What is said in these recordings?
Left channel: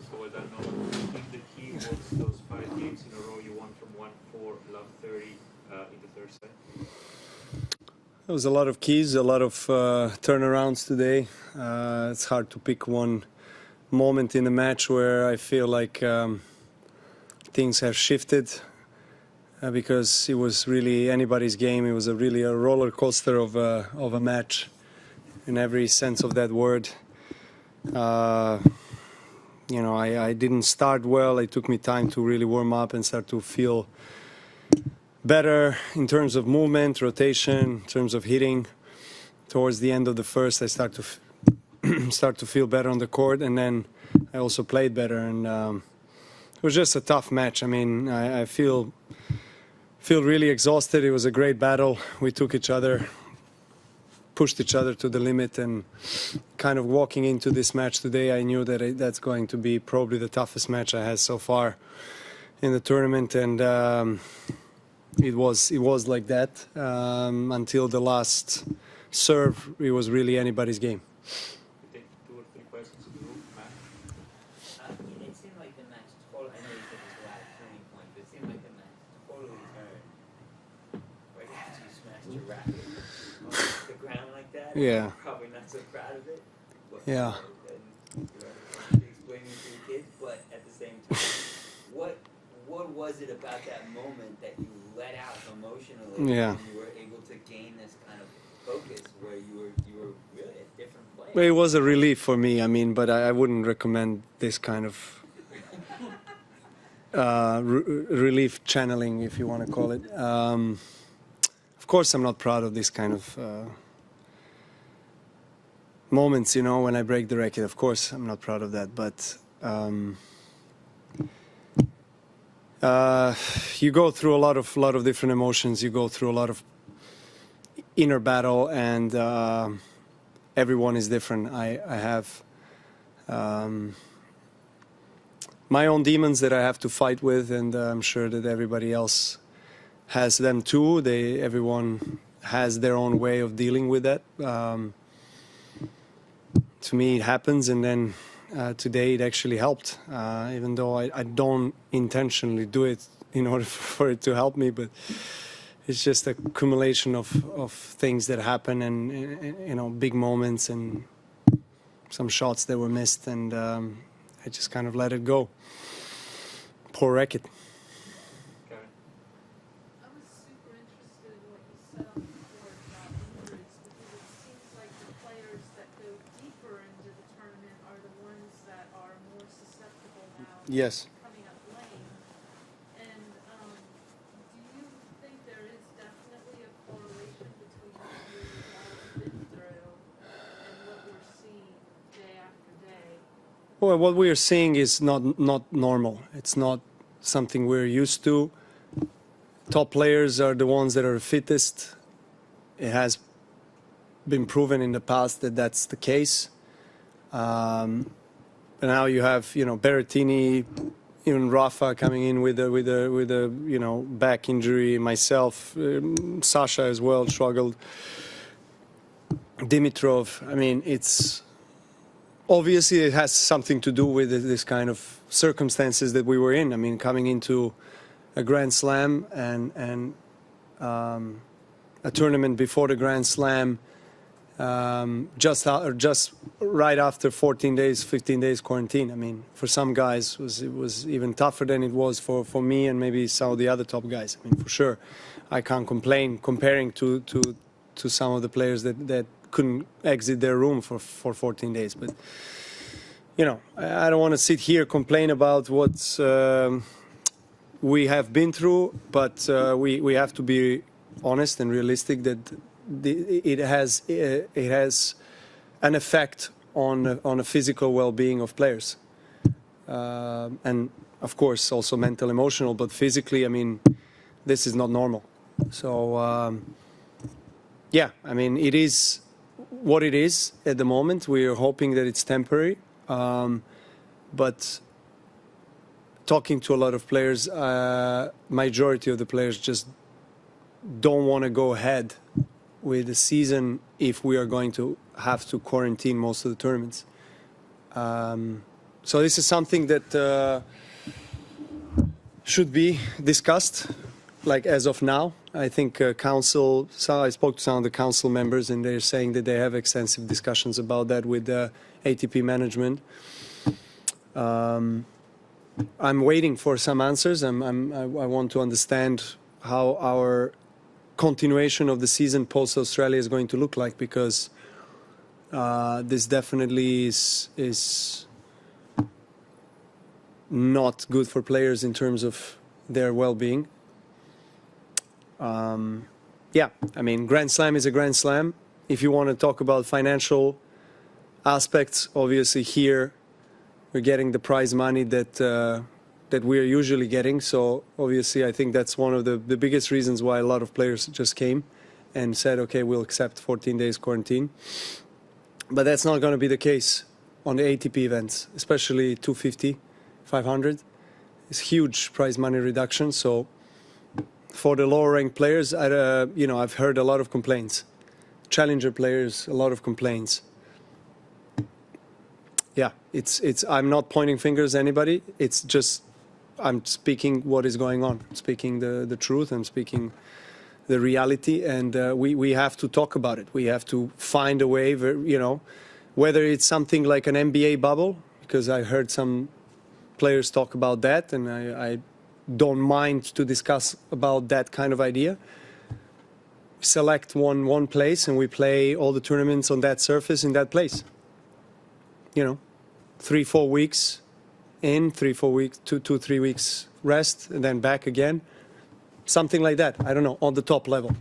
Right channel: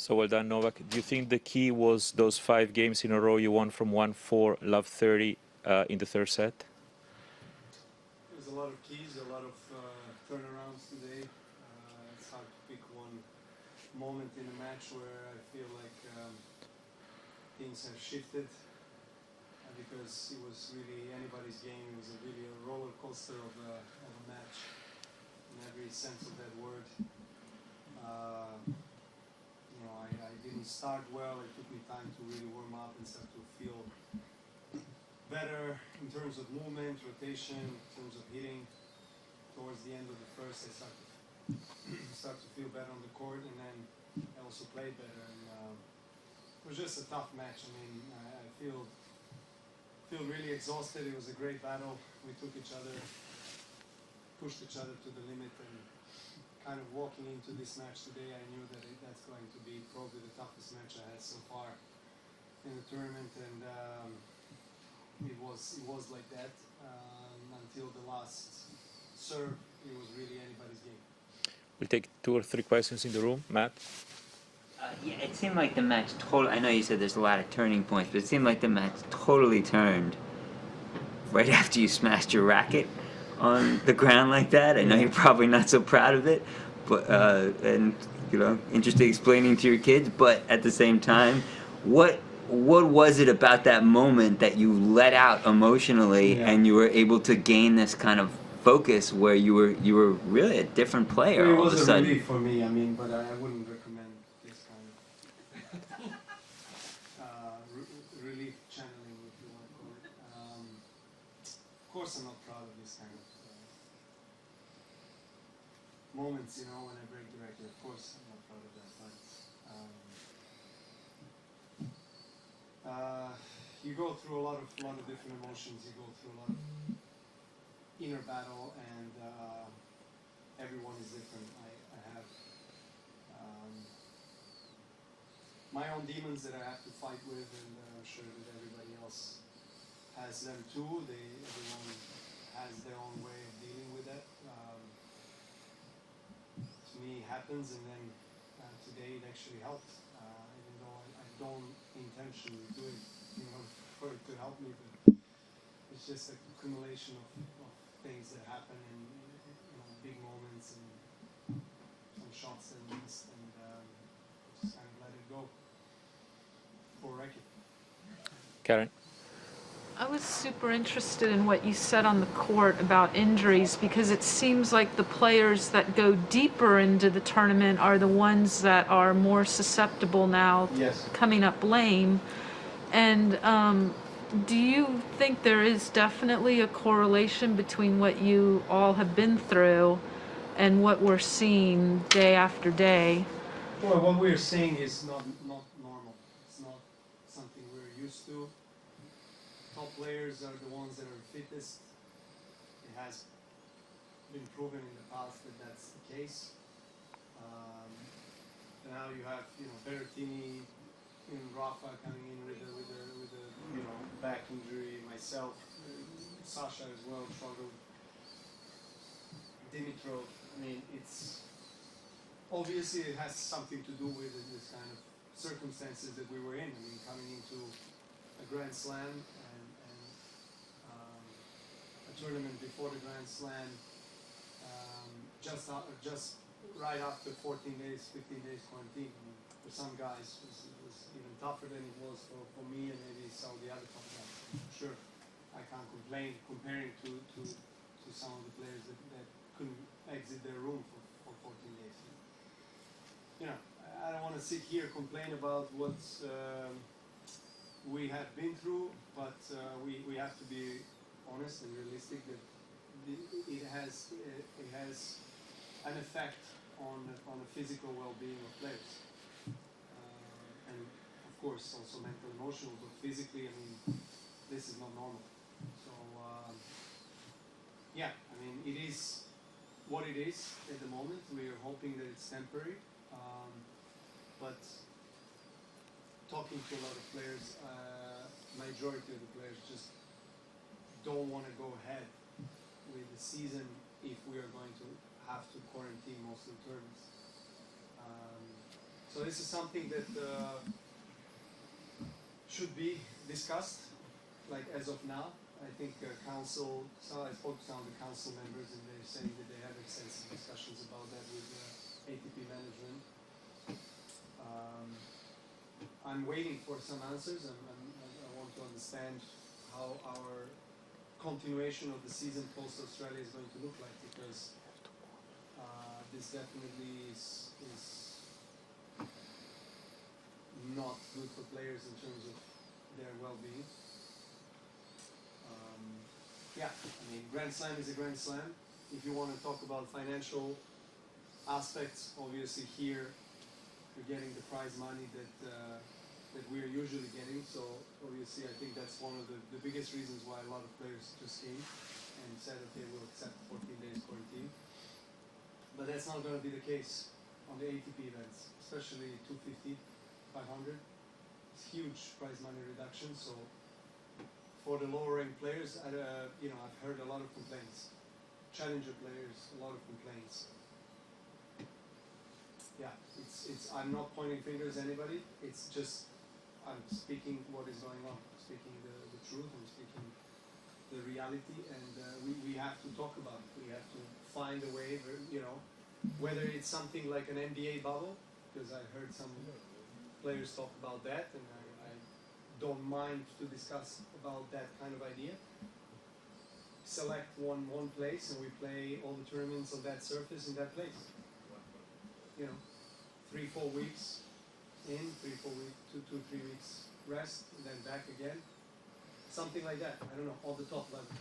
So well done, Novak. Do you think the key was those 5 games in a row you won from 1-4, love 30 in the third set? There was a lot of keys, a lot of turnarounds today. It's hard to pick one moment in a match where I feel like things have shifted because it was really anybody's game. It was really a roller coaster of a match in every sense of that word. You know, I didn't start well. It took me time to really warm up and start to feel better in terms of movement, rotation, in terms of hitting. Towards the end of the first, I start to feel better on the court, and then I also played better. And it was just a tough match. I mean, I feel really exhausted. It was a great battle. We took each other, pushed each other to the limit, and kind of walking into this match today, I knew that that's going to be probably the toughest match I had so far in the tournament. And it was like that until the last serve. It was really anybody's game. We'll take 2 or 3 questions in the room. Matt? Yeah, it seemed like the match totally... I know you said there's a lot of turning points, but it seemed like the match totally turned right after you smashed your racket on the ground like that. I know you're probably not so proud of it, but and you know, interested explaining to your kids. But at the same time, what was it about that moment that you let out emotionally and you were able to gain this kind of focus where you were really a different player? Well, it was a relief for me. I mean, but I wouldn't recommend this kind of relief channeling, if you want to call it. Of course, I'm not proud of this kind of moments. You know, when I break the racket. Of course, I'm not proud of that. But you go through a lot of different emotions. You go through a lot of inner battle, and everyone is different. I have my own demons that I have to fight with, and I'm sure that everybody else has them too. Everyone has their own way of dealing with that. To me, it happens, and then today it actually helped, even though I don't intentionally do it in order for it to help me, but it's just a accumulation of things that happen, and you know, big moments and some shots that were missed, and I just kind of let it go. Poor racket. Karen? I was super interested in what you said on the court about injuries, because it seems like the players that go deeper into the tournament are the ones that are more susceptible now, coming up lame. And do you think there is definitely a correlation between what you all have been through and what we're seeing day after day? Well, what we are seeing is not normal. It's not something we're used to. Top players are the ones that are fittest. It has been proven in the past that that's the case. And now you have, you know, Berrettini, even Rafa coming in with a you know, back injury. Myself, Sasha as well struggled. Dimitrov. I mean, it's obviously it has something to do with this kind of circumstances that we were in. I mean, coming into a Grand Slam and a tournament before the Grand Slam, just right after 14 days, 15 days quarantine. I mean, for some guys it was even tougher than it was for me and maybe some of the other top guys. I mean, for sure, I can't complain comparing to some of the players that couldn't exit their room for 14 days. But you know, I don't want to sit here complain about what we have been through, but we have to be honest and realistic that it has an effect on a physical well-being of players, and of course also mental, emotional. But physically, I mean, this is not normal. So yeah, I mean, it is what it is at the moment. We are hoping that it's temporary, but talking to a lot of players, majority of the players just don't want to go ahead with the season if we are going to have to quarantine most of the tournaments. So this is something that should be discussed, like as of now. I think council. So I spoke to some of the council members, and they're saying that they have extensive discussions about that with ATP management. I'm waiting for some answers. I want to understand how our continuation of the season post Australia is going to look like, because this definitely is not good for players in terms of their well-being. Yeah, I mean, Grand Slam is a Grand Slam. If you want to talk about financial aspects, obviously here we're getting the prize money that we're usually getting. So obviously I think that's one of the biggest reasons why a lot of players just came and said, okay, we'll accept 14 days quarantine. But that's not going to be the case on the ATP events, especially 250, 500. It's huge prize money reduction. So for the lower ranked players, I've heard a lot of complaints. Challenger players, a lot of complaints. Yeah, I'm not pointing fingers at anybody. It's just, I'm speaking what is going on, speaking the truth, and speaking the reality, and we have to talk about it. We have to find a way, whether it's something like an NBA bubble, because I heard some players talk about that, and I don't mind to discuss about that kind of idea. Select one place, and we play all the tournaments on that surface in that place. 3-4 weeks in, 3-4 weeks, 2-3 weeks rest, and then back again. Something like that. I don't know, on the top level.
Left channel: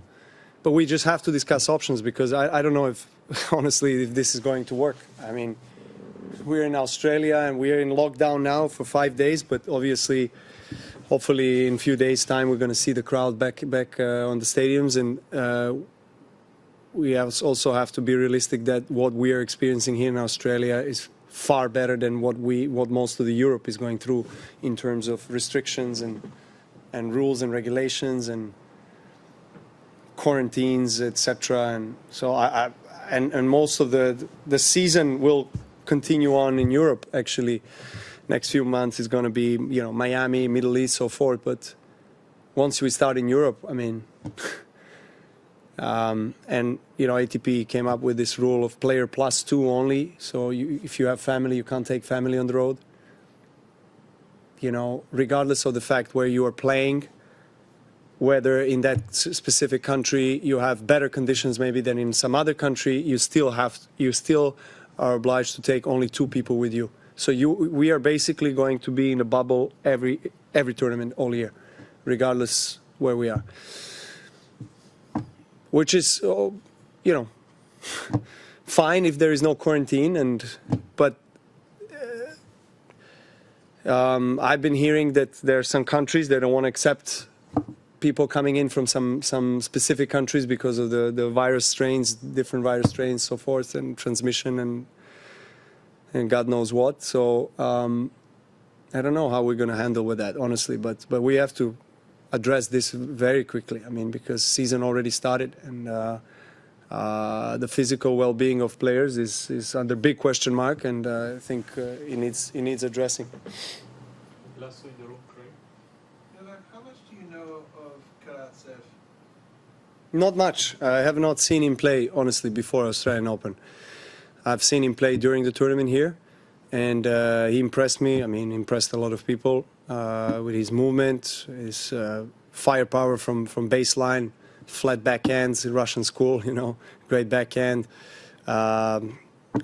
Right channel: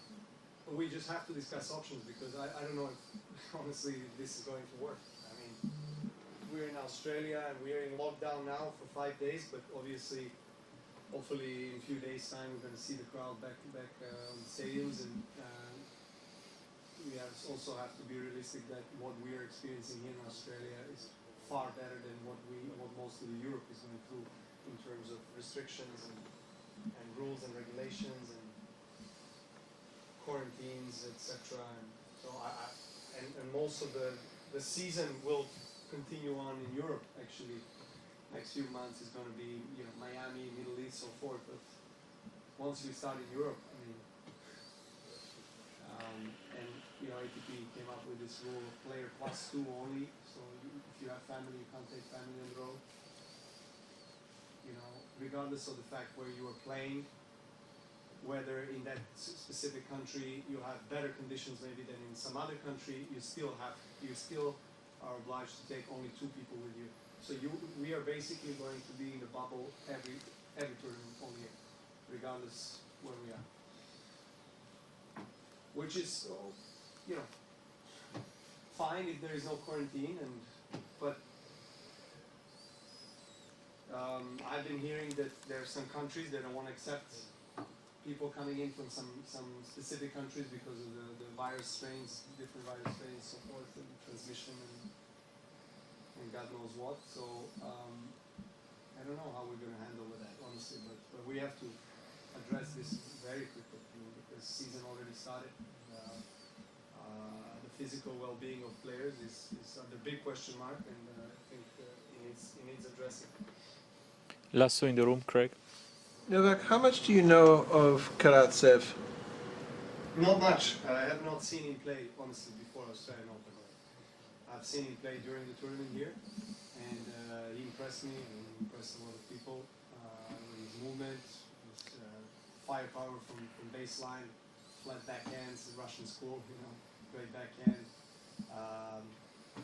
But we just have to discuss options, because I don't know if, honestly, if this is going to work. I mean, we're in Australia and we're in lockdown now for 5 days, but obviously, hopefully in a few days' time, we're going to see the crowd back on the stadiums, and we also have to be realistic that what we are experiencing here in Australia is far better than what most of the Europe is going through in terms of restrictions and rules and regulations and quarantines, etc. And so and most of the season will continue on in Europe. Actually, next few months is going to be Miami, Middle East, so forth. But once we start in Europe, I mean. And ATP came up with this rule of player +2 only. So if you have family, you can't take family on the road. Regardless of the fact where you are playing, whether in that specific country you have better conditions maybe than in some other country, you still are obliged to take only 2 people with you. So we are basically going to be in a bubble every tournament all year, regardless where we are. Which is, fine if there is no quarantine, but I've been hearing that there are some countries that don't want to accept people coming in from some specific countries because of the virus strains, different virus strains, so forth, and transmission and God knows what. So I don't know how we're going to handle with that, honestly, but we have to address this very quickly. I mean, because season already started, and the physical well-being of players is under big question mark, and I think it needs addressing. Lasso in the room, Craig. Novak, how much do you know of Karatsev? Not much. I have not seen him play, honestly, before Australian Open. I've seen him play during the tournament here, and he impressed me. I mean, impressed a lot of people. With his movement, his firepower from baseline, flat backhands, Russian school, great backhand.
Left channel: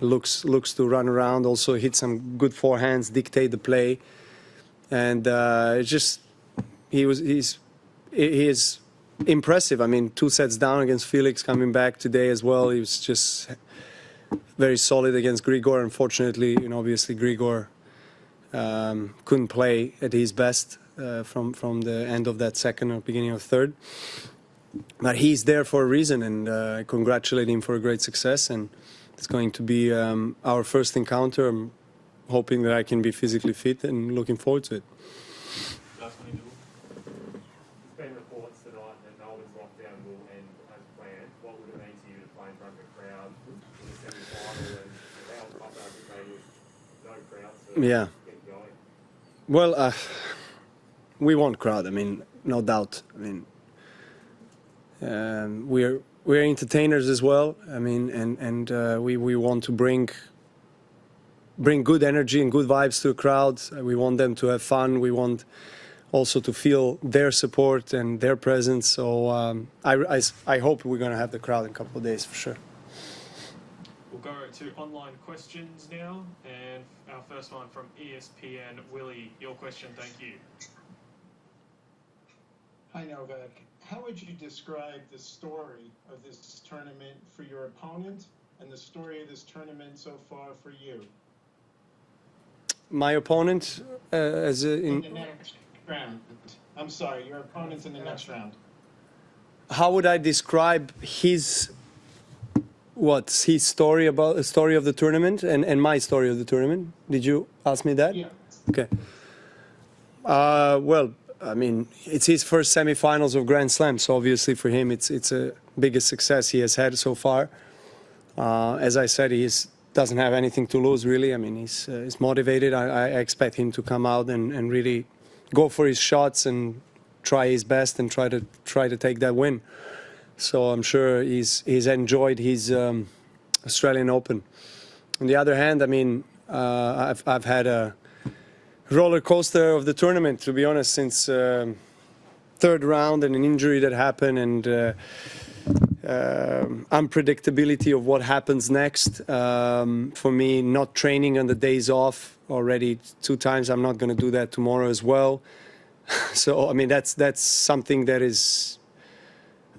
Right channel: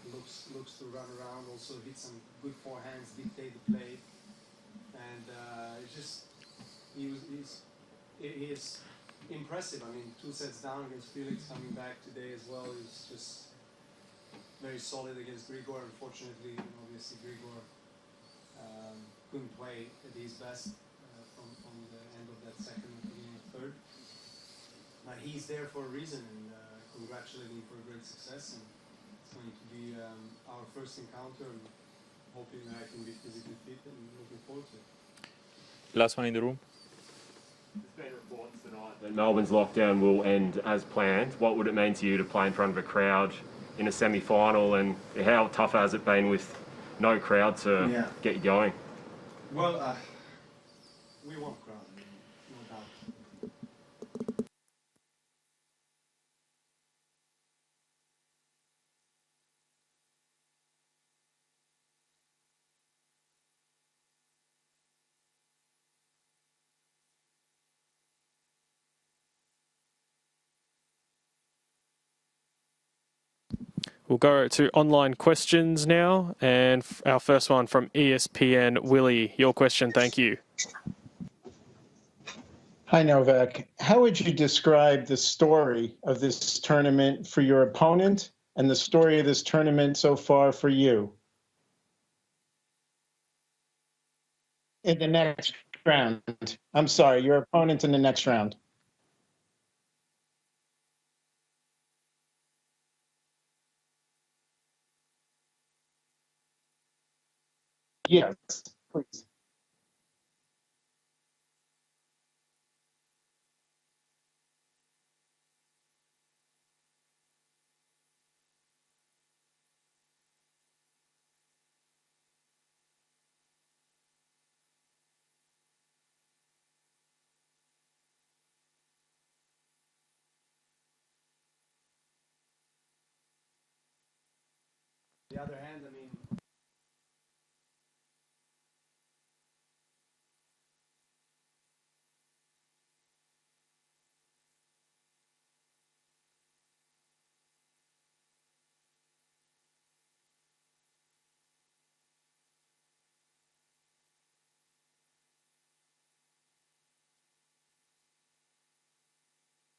Looks to run around, also hit some good forehands, dictate the play, and he is impressive. I mean, 2 sets down against Felix, coming back today as well. He was just very solid against Grigor. Unfortunately, obviously Grigor couldn't play at his best from the end of that second or beginning of third. But he's there for a reason, and I congratulate him for a great success. And it's going to be our first encounter. I'm hoping that I can be physically fit and looking forward to it. Last one in the room. There's been reports tonight that Melbourne's lockdown will end as planned. What would it mean to you to play in front of a crowd in a semi-final, and how tough has it been with no crowd to get you going? Well, we want crowd. I mean, no doubt. I mean, we're entertainers as well. I mean, and we want to bring good energy and good vibes to the crowd. We want them to have fun. We want also to feel their support and their presence. So I hope we're going to have the crowd in a couple of days for sure. We'll go to online questions now, and our first one from ESPN. Willie, your question, thank you. Hi, Novak. How would you describe the story of this tournament for your opponent and the story of this tournament so far for you? My opponent in the next round. I'm sorry, your opponent in the next round. How would I describe his story of the tournament and my story of the tournament? Did you ask me that? Yes. Okay. Well, I mean, it's his first semifinals of Grand Slam, so obviously for him it's a biggest success he has had so far. As I said, he doesn't have anything to lose really. I mean, he's motivated. I expect him to come out and really go for his shots and try his best and try to take that win. So I'm sure he's enjoyed his Australian Open. On the other hand, I mean, I've had a roller coaster of the tournament, to be honest, since third round and an injury that happened and unpredictability of what happens next. For me, not training on the days off already 2 times. I'm not going to do that tomorrow as well. So I mean, that's something that is.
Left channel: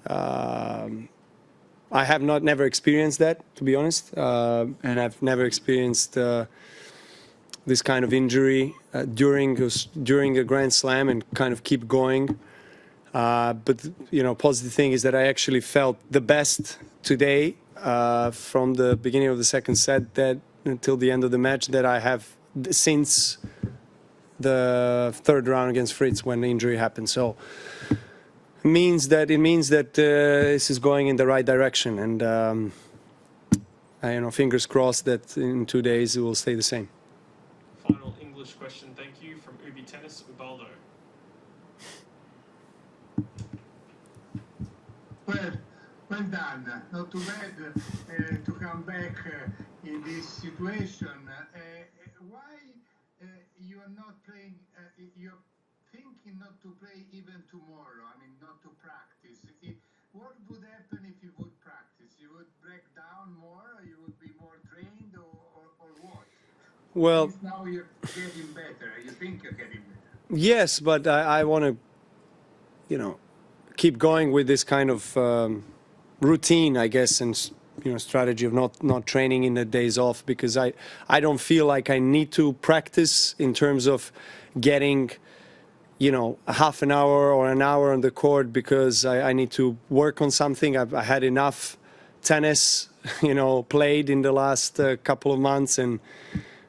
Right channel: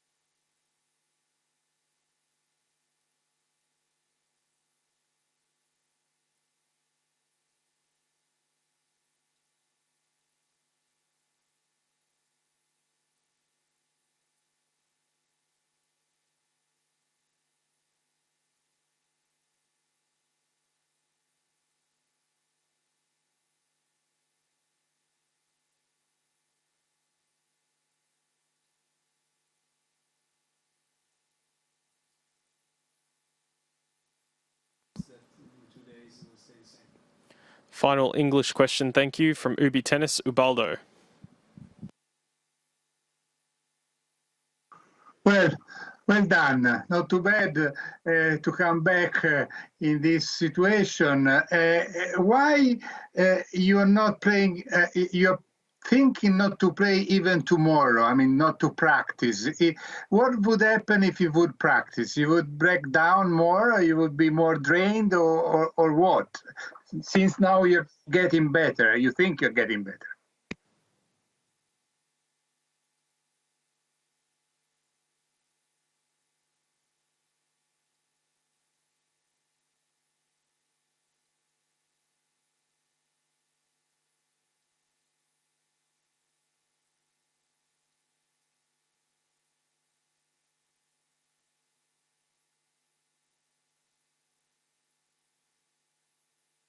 I have never experienced that, to be honest, and I've never experienced this kind of injury during a Grand Slam and kind of keep going. But you know, positive thing is that I actually felt the best today from the beginning of the second set that until the end of the match that I have since the third round against Fritz when the injury happened. So it means that this is going in the right direction, and you know, fingers crossed that in 2 days it will stay the same. Final English question, thank you, from Ubi Tennis, Ubaldo. Well done. Not too bad to come back in this situation. Why you are not playing? You're thinking not to play even tomorrow. I mean, not to practice. What would happen if you would practice? You would break down more, or you would be more drained, or what? Well, since now you're getting better, you think you're getting better. Yes, but I want to, you know, keep going with this kind of routine, I guess, and you know, strategy of not training in the days off, because I don't feel like I need to practice in terms of getting, you know, a half an hour or an hour on the court, because I need to work on something. I had enough tennis, you know, played in the last couple of months and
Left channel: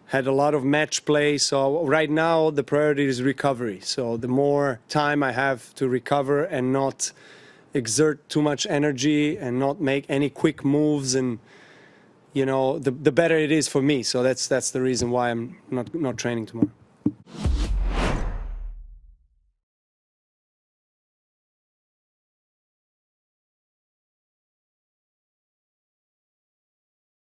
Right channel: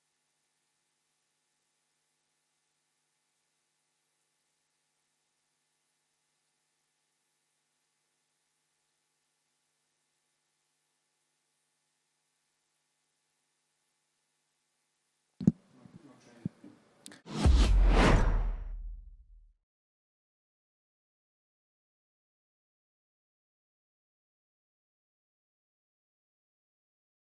had a lot of match play. So right now the priority is recovery. So the more time I have to recover and not exert too much energy and not make any quick moves, and you know, the better it is for me. So that's the reason why I'm not training tomorrow.